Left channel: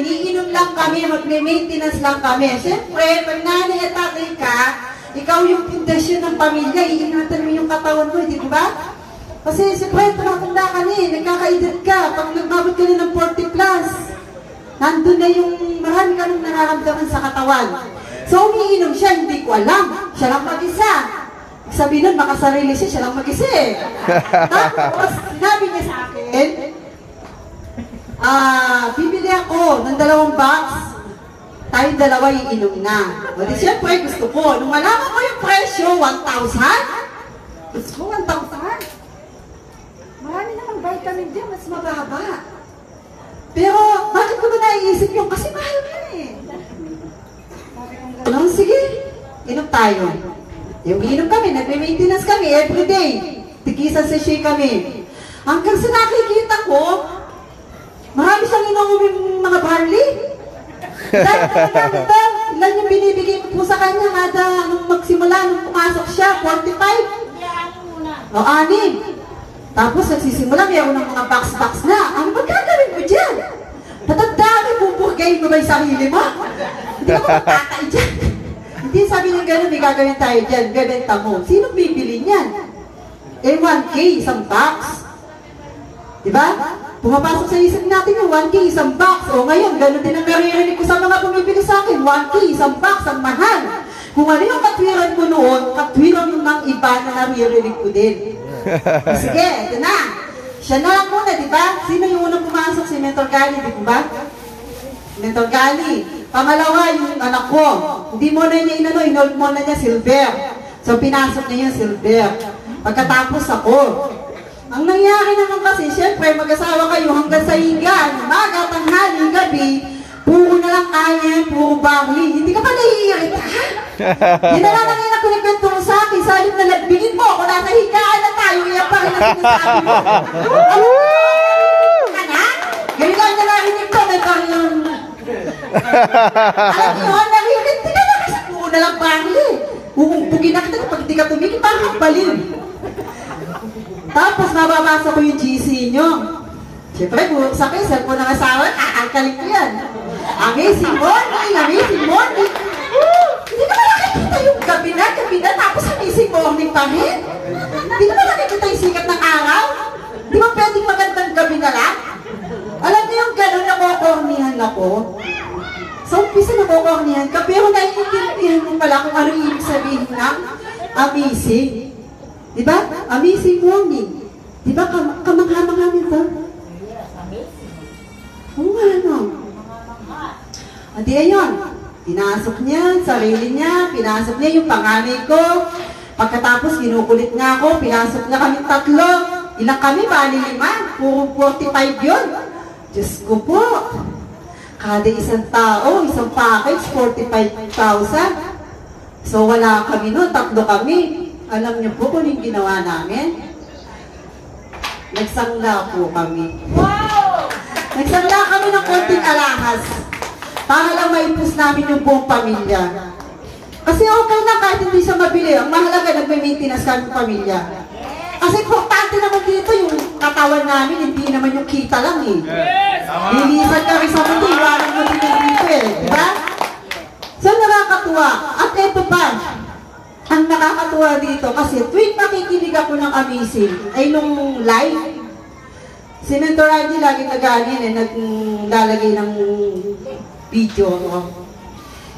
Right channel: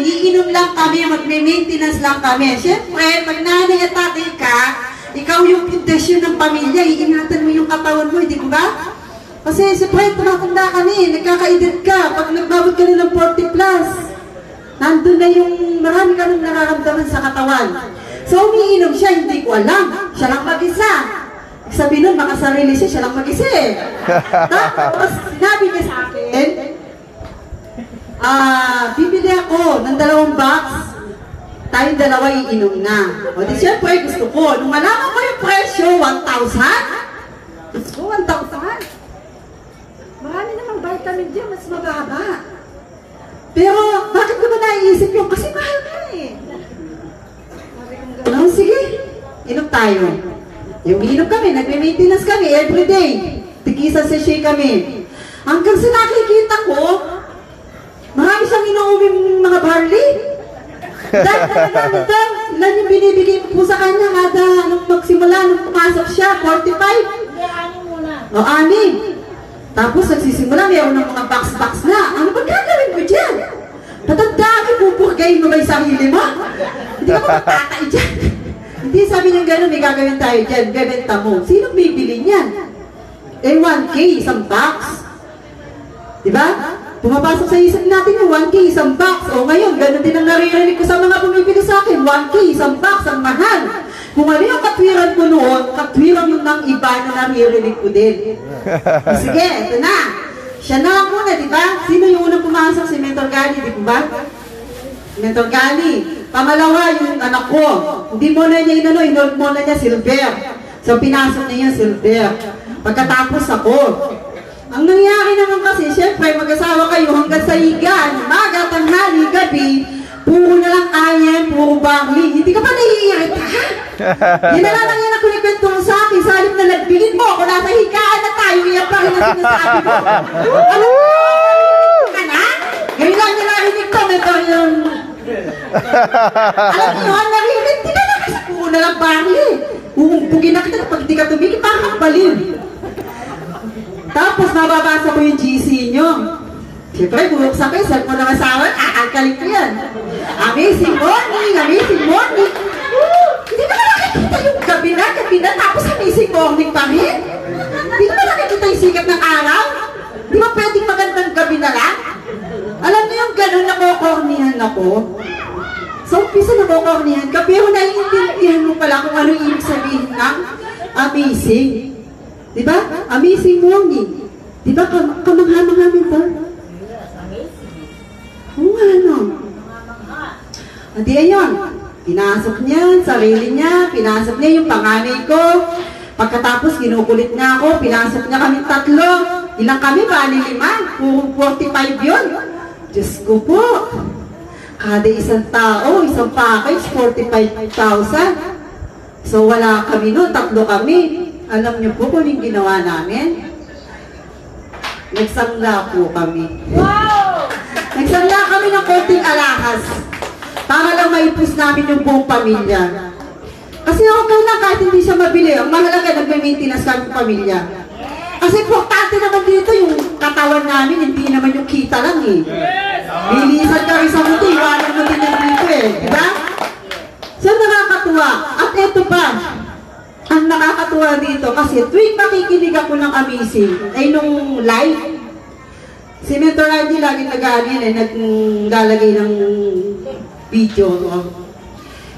namin, iinom lang kami, magme-maintenance lang kami. Siyempre, pag nanay at tatay ka, ikaw yung pundasyon ng pamilya, iingatan mo yung katawan mo, di ba? Kasi siyempre, tumatanda ka na eh, nagkakaedad ka, pag nagbabot ka na ng 40 plus, nandun na yung marami ka nang nararamdaman sa katawan. So, umiinom siya, hindi ko alam, siya lang mag-isa. Sabi nun, makasarili siya, siya lang mag-isa eh. Tapos, sinabi niya sa akin, bibili ako ng 2 box, tayong 2 iinom na. O di siyempre, gusto ko. Nung malaman ko yung presyo, 1,000? Gusto ko, 1,000? Marami namang vitamin D, mas mababa. Pero, bakit ko ba naiisip yung? Kasi mahal ka eh. No, sige, inom tayo. Yung inom kami, nagme-maintenance kami everyday. Tigisa sachet kami. Hanggang sa nakikita ko, marami siyang inuuming mga barley. Dahil naman daw, ilan yung binibigay ko po sa kanya kada nung magsimula, nung pumasok siya, 45. O, 6. Tapos nagsisimula, mayroon ng mga box-box na. Ano ba gagawin ko dyan? Tatandaan, pupurgayin mo ba yung sarili mo? Hindi ka magtatay dyan. Hindi, sabi niya gano'n, may gagawin tayo dyan, bebenta mo. Sino bibili niyan? Eh, 1K, isang box. Diba? Pumapasok sa isip natin yung 1K, isang box. O ngayon, gano'n din ang naririnig ko sa mga bumibili sa akin. 1K, isang box, ang mahal. Kung ano yung katwiran ko noon, katwiran yung ng iba na naririnig ko din. Sige, ito na. Siya na lang muna, diba? Sino yung unang pumasok? Si Mentor Gali, di ba? Mentor Gali. Pamalawa, yung anak ko. Hindi mo na niya inold mo na niya Silver. So, pinasok niya yung Silver. Pagkatapos ako. Ang nangyari naman kasi, syempre, mag-asawa kayo hanggang sa higan, maga, tanghali, gabi, puro na lang ayen, puro barley. Hindi ka pa naiirita? Yun na lang yan ang kunikwento mo sa akin. Sa halip na lagbingin mo, kung nasa higaan na tayo, iyan pa rin ang sinasabi mo. Ano? Ngayon lang na narinig ko, ito yung... Alam mo, narinig, di ka lang kasi puro na lang barley. Bugin na kita, pag di ka tumigil, parang balil. Tapos nababasa ko yung GC nyo. Siyempre, bubuksan ko yung cellphone ng asawa, kakalkalik ko yan. Amazing morning, amazing morning. Hindi ba nakikita yung gabi na, tapos amazing morning pa rin? Hindi ba nakikita yung sikat ng araw? Di ba pwedeng magandang gabi na lang? Alam mo yung gano'n, nakokornihan ako. So, umpisa nakokornihan ka, pero naiintindihan mo pala kung ano ibig sabihin ng amazing. Di ba? Amazing morning. Di ba? Kamangha-mangha nito? Oo nga, no? At ayun, pinasok niya, sarili niya, pinasok niya yung panganay ko. Pagkatapos, kinukulit niya ako, pinasok niya kami 3. Ilang kami ba? 5? Puro 45 yun. Diyos ko po. Kada isang tao, isang package, 45,000. So, wala kami no, 3 kami. Alam niyo po kung yung ginawa namin? Nagsangla po kami. Wow! Nagsangla kami ng konting alahas para lang maipus namin yung buong pamilya. Kasi okay lang kahit hindi siya mabili. Ang mahalaga, nagme-maintenance kami pamilya. Kasi importante naman dito yung katawan namin, hindi naman yung kita lang eh. Lilisan kami sa muti, parang muti na dito eh. Diba? So nakakatuwa. At eto pa, ang nakakatuwa dito kasi tuwing makikinig ako ng amazing, ay nung live, si Mentor Angie lagi nag-aanin eh, naglalagay ng video, no?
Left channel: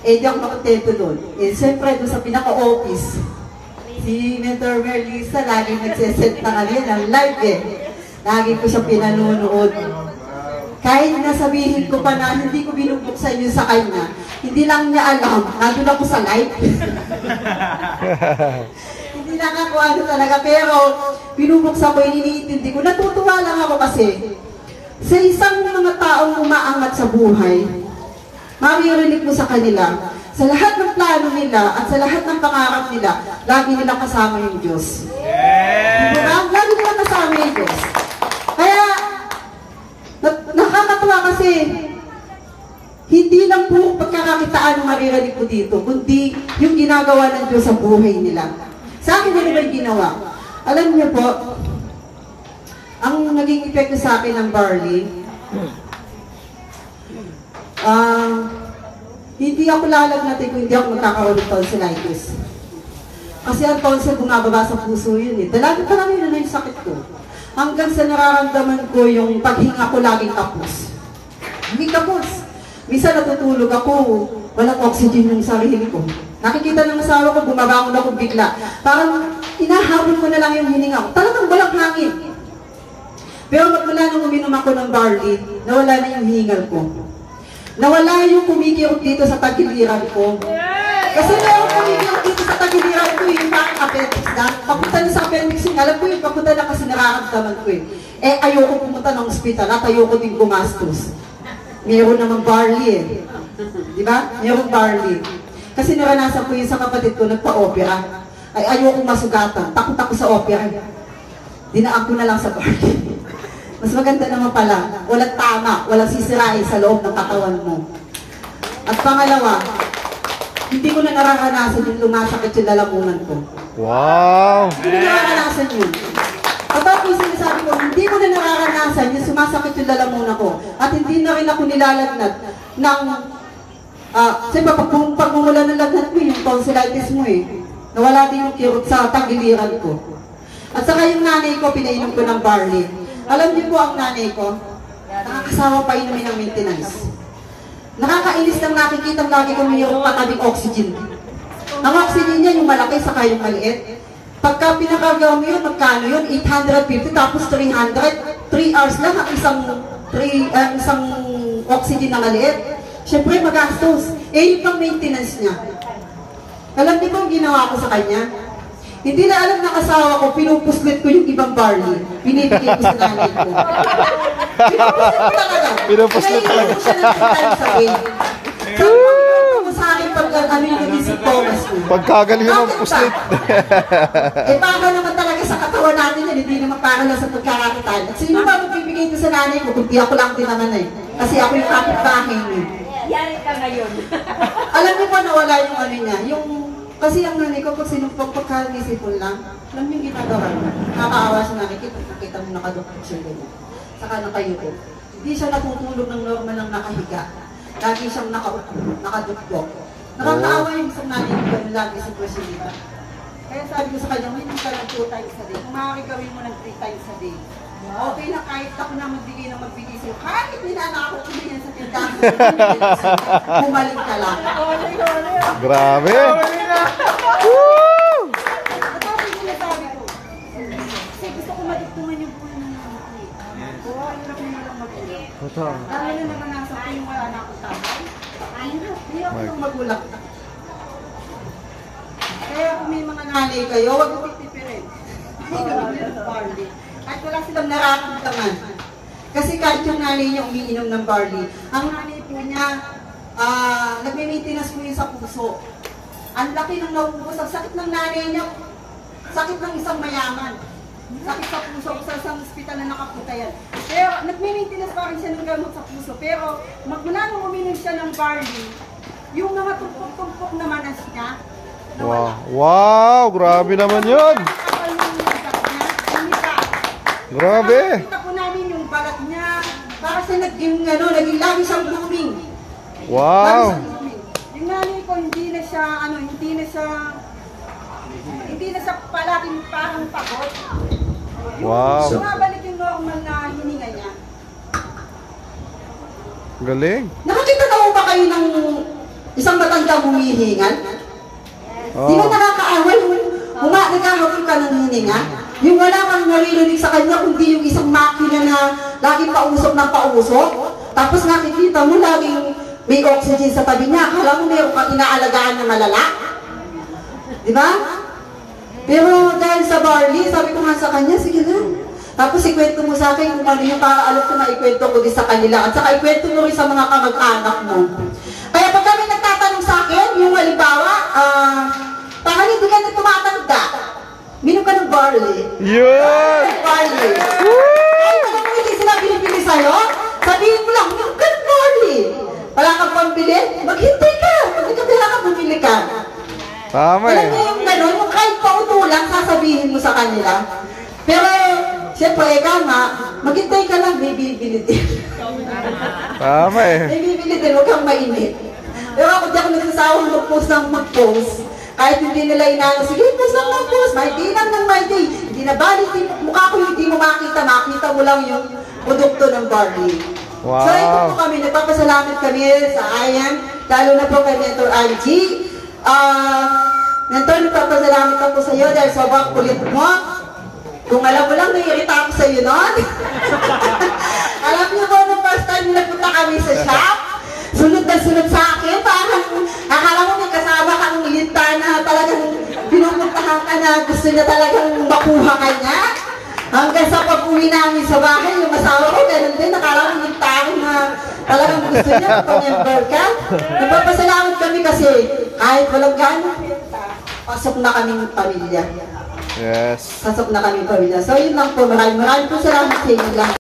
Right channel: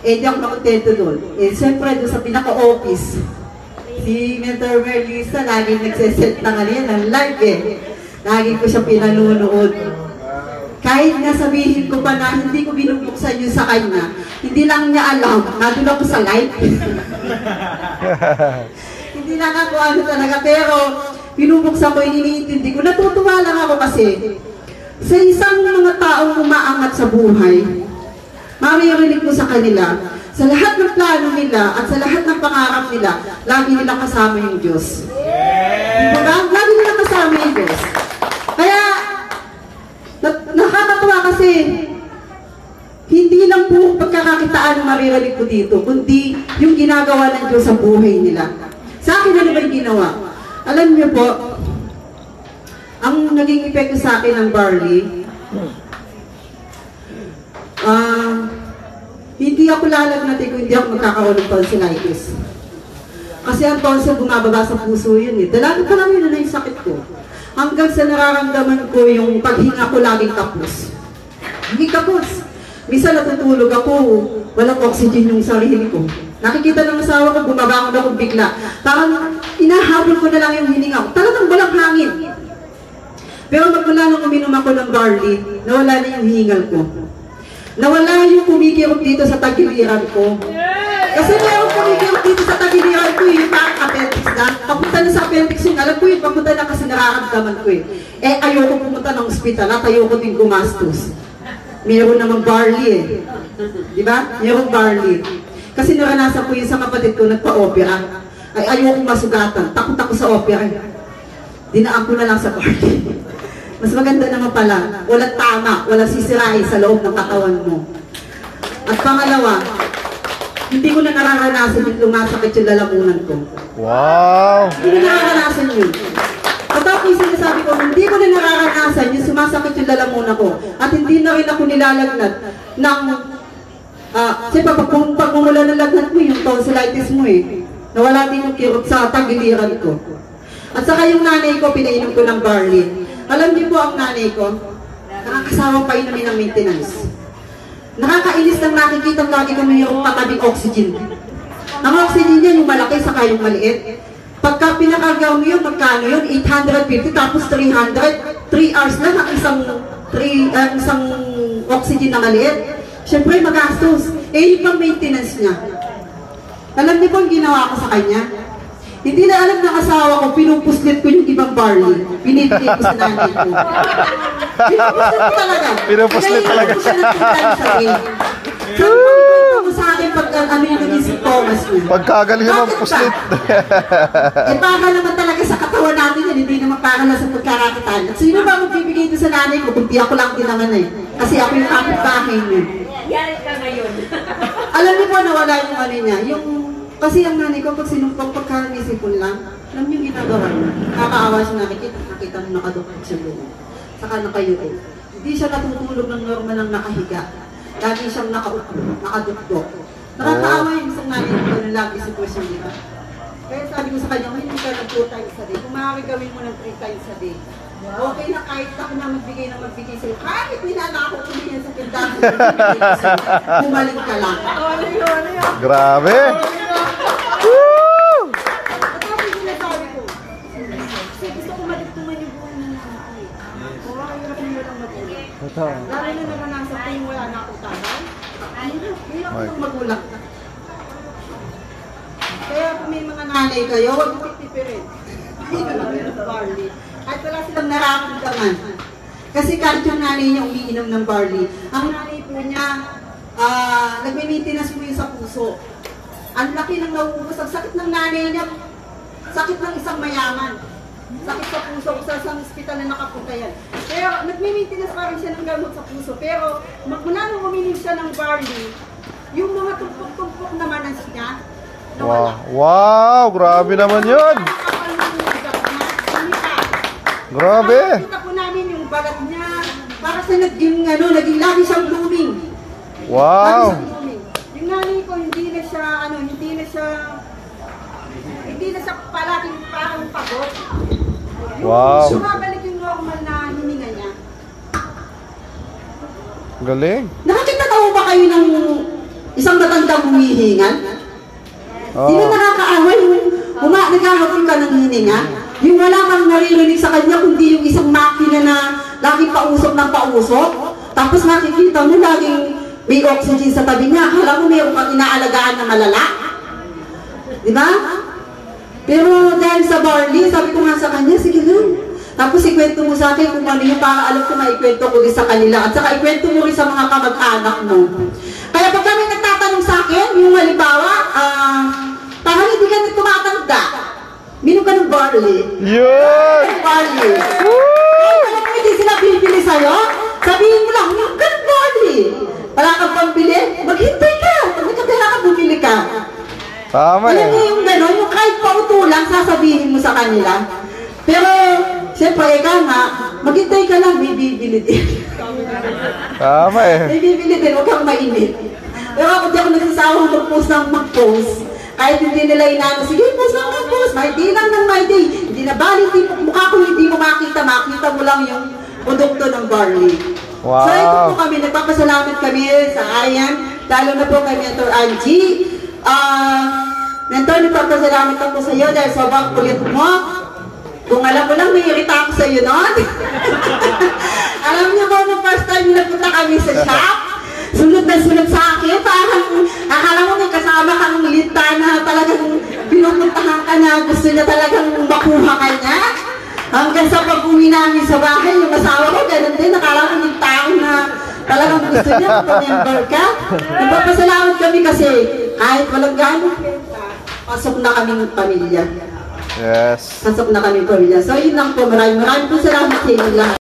Eh, di ako makontento doon. Eh, siyempre doon sa pinaka-office, si Mentor Merlisa lagi nagsiset na kanina ng live eh. Lagi ko siya pinanunood. Kahit nasabihin ko pa na hindi ko binubuksan yun sa kanya, hindi lang niya alam, nandun ako sa live. Hindi nakakuha talaga, pero binubuksan ko, iniintindi ko. Natutuwa lang ako kasi sa isang mga taong umaangat sa buhay, maririnig ko sa kanila, sa lahat ng plano nila at sa lahat ng pangarap nila, lagi nila kasama yung Diyos. Diba? Lagi nila kasama yung Diyos. Kaya, nakakatuwa kasi, hindi lang po pagkakakitaan ng maririnig ko dito, kundi yung ginagawa ng Diyos sa buhay nila. Sa akin, ano ba yung ginawa? Alam niyo po, ang naging epekto sa akin ng barley, hindi ako lalagnatin kung hindi ako magkakaroon ng tonsillitis. Kasi ang tonsil bumababa sa puso yun eh. Dalaga pa lang yun na yung sakit ko. Hanggang sa nararamdaman ko yung paghinga ko laging kapos. Hindi kapos. Minsan natutulog ako, walang oxygen yung sarili ko. Nakikita ng asawa ko, bumabangon ako bigla. Parang inahabol ko na lang yung hininga ko. Talagang walang hangin. Pero magmula nung uminom ako ng barley, nawala na yung hiningal ko. Nawala yung kumikirot dito sa tagiliran ko. Kasi meron kumikirot dito sa tagiliran ko yung appendix na. Papunta na sa appendix yung, alam ko yung papunta na kasi nararamdaman ko eh. Eh ayoko pumunta ng ospital at ayoko din gumastos. Meron namang barley eh. Di ba? Meron barley. Kasi naranasan ko yun sa kapatid ko, nagpa-opera. Ay ayoko masugatan. Takot ako sa opera. Dinaan ko na lang sa barley. Mas maganda naman pala, walang tama, walang sisirain sa loob ng katawan mo. At pangalawa, hindi ko na nararanasan yung lumasakit yung lalamunan ko. Wow! Hindi ko na nararanasan yun. Katapos yung sinasabi ko, hindi ko na nararanasan yung sumasakit yung lalamunan ko. At hindi na rin ako nilalagnat ng... kasi pag mumula ng lagnat mo, yung tonsillitis mo eh. Nawala din yung kirot sa tagiliran ko. At saka yung nanay ko, pinainom ko ng barley. Alam niyo po ang nanay ko, nakakasawa pa inumin ng maintenance. Nakakainis nang nakikita lagi kong mayroong patabing oxygen. Ang oxygen niya, yung malaki, saka yung maliit. Pagka pinakagaw mo yun, magkano yun? 850, tapos 300. 3 hours na ng isang oxygen na maliit. Siyempre, magastos. Eh, yung pang maintenance niya. Alam niyo po ang ginawa ko sa kanya? Hindi na alam ng asawa ko, pinupuslit ko yung ibang barley. Binibigay ko sa nanay ko. Pinupuslit ko talaga. Pinupuslit talaga. Kaya siya ng 2 times a day. So, pinupuslit ko sa akin pag ano yung naging Thomas ko. Pagkagaling mo puslit. Eh, para naman talaga sa katawan natin yan, hindi naman para na sa pagkarakitan. At sino ba magbibigay ito sa nanay ko? Kundi ako lang din naman eh. Kasi ako yung kapitbahay niya. Yari ka ngayon. Alam niyo po, nawala yung ano niya, yung... Kasi ang nanay ko, pag sinumpang pagkamisipon lang, alam yung ginagawa niya. Nakakaawa siya nakita mo nakadukot siya doon. Saka nakayuto. Hindi siya natutulog ng normal ng nakahiga. Lagi siyang nakadukdok. Nakakaawa yung isang nanay ko na lagi sa person nito. Kaya sabi ko sa kanya, hindi ka ng 2 times a day. Kung maaari gawin mo ng 3 times a day. Okay na kahit ako na magbigay sa'yo. Kahit ninana ako kumain sa tindahan. Bumalik ka lang. Grabe! Woo! Tapos yung nasabi ko, kasi gusto ko madugtungan yung buhay ng mga ko eh. Ang hirap nila ng magulang. Totoo. Lalo na naranasan ko yung wala na akong tatay. Hirap ng magulang. Kaya kung may mga nanay kayo, huwag mo titipirin. Barley. Kahit wala silang nararamdaman. Kasi kahit yung nanay niya umiinom ng barley, ang nanay po niya, nagme-maintenance po yun sa puso. Ang laki ng nauubos. Ang sakit ng nanay niya, sakit ng isang mayaman. Sakit sa puso, sa isang hospital na nakapunta yan. Pero nagme-maintenance pa rin siya ng gamot sa puso. Pero mula nung uminom siya ng barley, yung mga tumpok-tumpok na manas niya, nawala. Wow! Grabe naman yun! Grabe! Kita po namin yung balat niya. Para siya naging lagi siyang blooming. Wow! Lagi siyang blooming. Yung nanay ko, hindi na siya palaging parang pagod. Wow! Sumabalik yung normal na hininga niya. Galing! Nakakita na ba kayo ng isang matandang humihingan? Di ba nakakaawa yung naghahabol ka ng hininga? Yung wala kang naririnig sa kanya, kundi yung isang makina na laging pausok ng pausok. Tapos nakikita mo laging may oxygen sa tabi niya. Akala mo mayroon kang inaalagaan na malala. Di ba? Pero dahil sa barley, sabi ko nga sa kanya, sige lang. Tapos ikwento mo sa akin kung ano yung para alam ko maikwento ko din sa kanila. At saka ikwento mo rin sa mga kamag-anak mo. Kaya pag kami nagtatanong sa akin, yung halimbawa, parang hindi ka na tumatanda. Minom ka ng barley. Yun! Barley. Ay, alam mo hindi sila bibili sa'yo? Sabihin mo lang, minom ka ng barley. Wala kang pambili? Maghintay ka. Pag nagkatira ka, bumili ka. Tama Alam eh. mo yung gano'n, yung kahit pauto lang, sasabihin mo sa kanila. Pero, siyempre, ikaw nga, maghintay ka lang, may bibili din. Tama eh. May bibili din, huwag kang mainit. Pero ako di ako nagsasawang mag-post ng mag-post. Kahit hindi nila inaano, sige, post lang mag-post. Mahindi lang ng mahindi. Hindi na bali, mukha ko hindi mo makita mo lang yung produkto ng barley. Wow. So ito po kami, nagpapasalamat kami sa Ayan, lalo na po kay Mentor Angie. Mentor, nagpapasalamat ako sa iyo dahil sobrang kulit mo. Kung alam mo lang, naiirita ako sa iyo noon. Alam niyo po, nung first time napunta kami sa shop, sunod na sunod sa akin, parang akala mo may kasama kang lita na talagang pinupuntahan ka na gusto niya talagang makuha ka niya. Hanggang sa pag-uwi namin sa bahay, yung asawa ko, ganun din, nakala ko yung tao na talagang gusto niya, mag-member ka. Nagpapasalamat kami kasi kahit walang gano'n, pasok na kaming pamilya. Yes. Pasok na kaming pamilya. So yun lang po, maraming po salamat sa inyo lahat.